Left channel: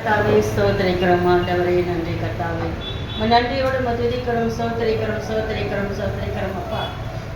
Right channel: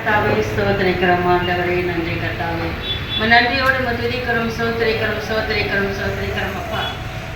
கர்த்தாவே ஸ்தோத்திரிக்கிறோம் ஆண்டவரே, நன்றி கர்த்தாவே. நன்றியோடு துதிக்கிறோம், சோத்திரிக்கிறோம் அப்பா.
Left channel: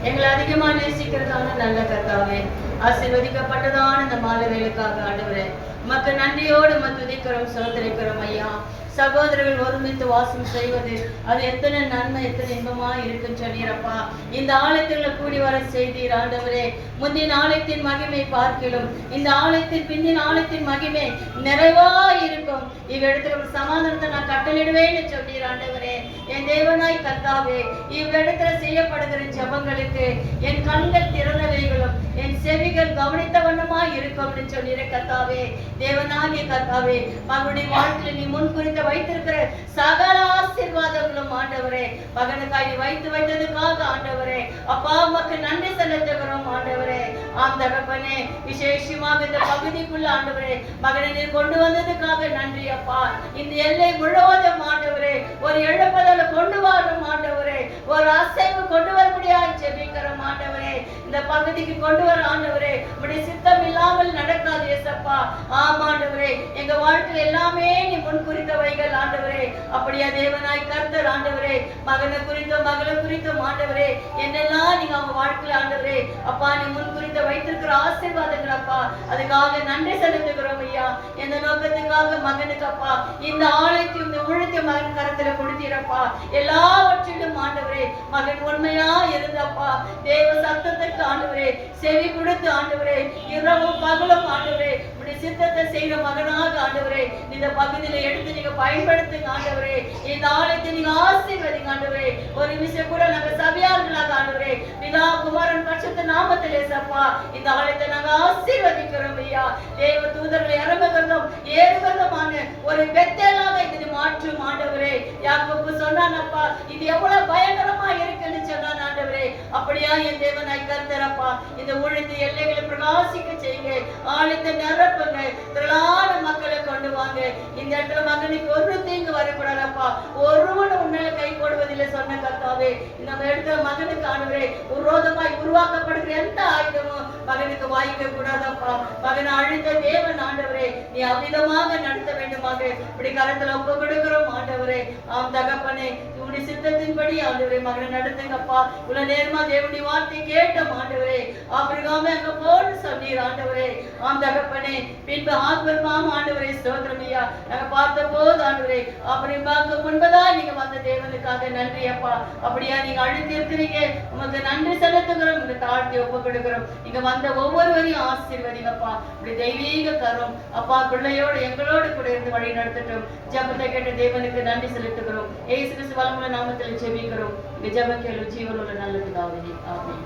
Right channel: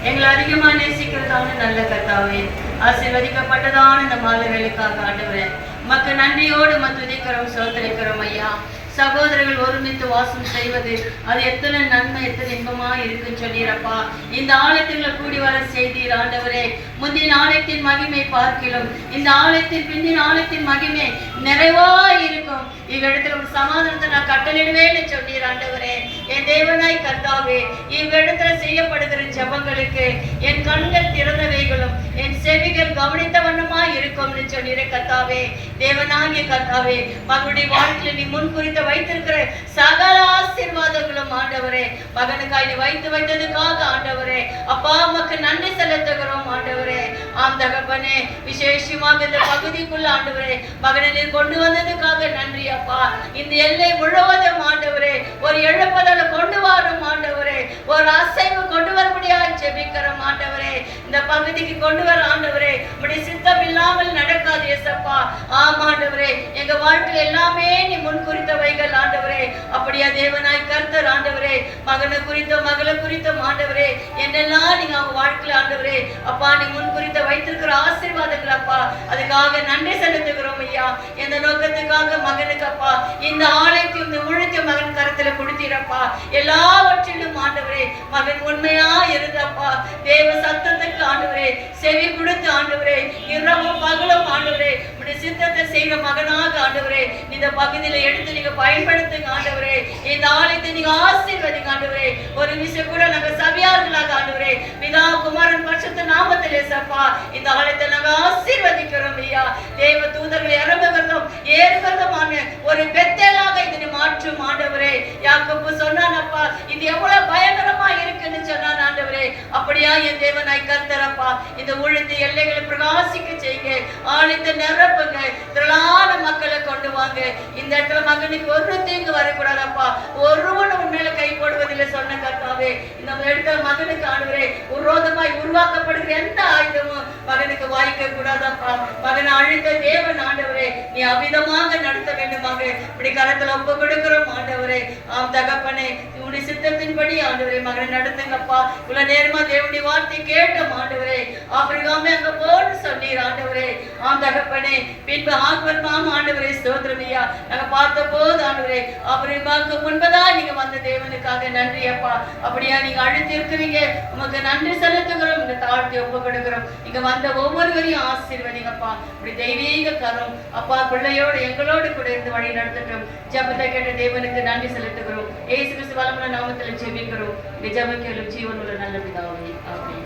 எங்களை அதிகமா நேசிக்கிறதான நல்ல கர்த்தாவே, ஆசீர்வதிக்கப்பட்டதான இந்த மாலைகளுக்காக ஆண்டவரே மக்கு நன்றியோடு துதிக்கிறோம், சோத்திரிக்கிறோம் ஐயா. சகோதரர்கள் ஒருமித்து வாசம் செய்வது அது எத்தனை நன்மை, எத்தனை இன்பமா இருக்குன்னு சொன்னீரப்பா. இந்த ஆலயத்துக்குள்ள கூடி வர செய்தீர் ஆண்டவரே. முந்தின ஆலயத்தின் மகிமை பார்க்கிலும் இந்த ஆலயத்தின் பிந்தின ஆலயத்தின் மகிமை நிறைவா இருக்கும். இவ்விடத்துல ஒரு சமாதானத்தை நான் கட்டளிடுவேன்னு சொன்னீர் ஆண்டவரே. என் தேவனாய் கர்த்தாவே, இவ்விடத்துல செய்யப்படுகிற ஜெபங்களுக்கு என் கண்கள் திறந்தவைகளும் என் செவிகள் கவனித்த வண்ணமாய் இருக்கும்னு சொன்னீர கர்த்தாவே. தேவனாகிய கர்த்தாவே, மகனுடைய வாழ்க்கையில நீ முன்குறித்த வைத்திருக்கிற சகல ஆசீர்வாதங்களும் ஆண்டவரே, மகனுக்காய் நீ வைத்ததுக்காக ஆண்டவரே அப்பா உமக்கு நன்றி செலுத்துகிறோம் ஆண்டவரே. ஆம் தகப்பனே, விசேஷமாக இந்த பகுதிக்குள்ள ஆண்டவரே மகனை நீர் கொண்டு வந்ததுக்காக நன்றி அப்பா. இந்த எல்லை முழுவதும் ஆண்டவரே ஒரு எழுப்பதல கொண்டு வரும் ஆண்டவரே, ஒரு அசைவு கொண்டு வர முடியாது ஜெபிக்கிறோம் ஆண்டவரே. இந்த பகுதிக்கு கொண்டு வர ஆண்டவரே உம்முடைய சித்தம் இல்லாமல் நடக்காது ஏசப்பா. ஆம் ஆண்டவரே, எங்க வாழ்க்கையில் எல்லாமே நீ முன்குறித்தவைகள் ஆண்டவரே. அப்படியா தேவனாய் கர்த்தர் ஆண்டவரே, மகனை குறித்த மகளை குறித்த ஆண்டவரே என்னெல்லாம் நீங்க அவங்க வாழ்க்கையில் ஆண்டவரே அப்பா நீ முன்குறித்த வைத்திருக்கிற ஆசீர்வாதங்கள் அப்பா, அதுக்காக நன்றி செலுத்துகிறோம் ஐயா. எந்த நோக்கத்துக்காக மகனுக்கு அப்பா இந்த ஆலயத்தையும் இந்த ஊழியத்தை மகன் கருத்துல கொடுத்தீரப்பா. எல்லாவற்றிலும் ஆண்டவரே மகன் உண்மையா இருந்தப்பா, தேவ சத்தத்துக்கு ஆண்டவரே செவி கொடுத்து ஆண்டவரே இரவும் பகலும் ஆண்டவரே உடைய சித்தத்தை செய்கிற மகனாக ஆண்டவரே இந்த பகுதியில எடுத்து நீங்க பயன்படுத்துங்க ஆண்டவரே. இந்த ஆலயத்தை நீங்க ஆசீர்வதிங்க ஆண்டவரே. ஒரு விஷயம் கூட நாங்க சபையார்களாக ஆண்டவரே பிதா குமாரன் பரிசுத்த நாமத்திலே சப்பா இந்த ஆலயத்தை நாங்க ஆசீர்வதிக்கிறோம் ஐயா. தேவ தூதர்களை இறங்குகிறதும் ஏறுகிறதுமான ஒரு பெத்தலாக இதனை மாற்றும் ஆண்டவரே. யாக்கோபு சொன்னானப்பா இது எவ்வளவு பயங்கரமா இருக்குன்னு சொன்னான் ஆண்டவரே. அப்படியா என் தேவனாய் கர்த்தரப்பா இந்த ஊழியத்தை எல்லைகளை பிரகாசிக்க செய்யுங்க, ஆலயத்தை நிரப்புங்க, திரளான மக்களை கொண்டு வாங்க. இந்த இடத்துல மகனுக்கு ஒரு தீங்கு வரக்கூடாதப்பா, ஒருவனும் உண்மையில கை போடுவதில்லை சொன்ன கர்த்தாவே. இந்த இடத்துல மகனுக்கு ஆண்டவரே விரோதமாய் உருவாக்கப்படுகிற எந்த ஆயுதமும் மகனுக்கு வாய்க்க கூடாதப்பா. மகனை அழித்த தேவன் ஆண்டவரே நீ அவிதமாக நடத்த வேண்டுமாக இப்படி கரத்துல ஒப்பு கொடுக்கிறோம் ஆண்டவரே. ஆம் தகப்பனே, உன்னுடைய சித்தத்தின்படி ஆண்டவரே மகனை நடத்துங்கப்பா. இவ்வளவு நேரமா தேவனுடைய வார்த்தை கேட்டோம் ஆண்டவரே. ஆபிரகாமே அங்க போன்னு சொன்னீர் ஆண்டவரே. ஆம் தகப்பனே, பின்பு ஆபிரகாம் ஆண்டவரே ஸ்தோத்திரமையா நாங்க பார்த்த போது ஆண்டவரே ஆபிரகாமுக்கு முன்பதா நீங்க வந்த தேவனுக்காக நன்றி அப்பா. அப்படியா நீங்க அழைத்து இருக்கிறீங்க, உமக்கு நன்றி செலுத்துகிறோம், உங்க தாழ்த்தி ஒப்பு கொடுக்கிறோம். நீங்க வந்த ஒவ்வொருவரையும் ஆசீர்வதிங்கப்பா. இப்படி தெய்வீக கரம் அப்பா பிள்ளையோடு எங்களோடு கூட இருந்து வழி நடத்தட்டும். ஜெபத்தை கேட்ட தேவனுக்கு நன்றி செலுத்துகிறோம். இயேசு கிறிஸ்து வல்லமையுள்ள நாமத்தில் ஜெபிக்கிறோம். ஜெபம் கேளும் ஜீவனுள்ள நல்ல பிதாவே, ஆமென்.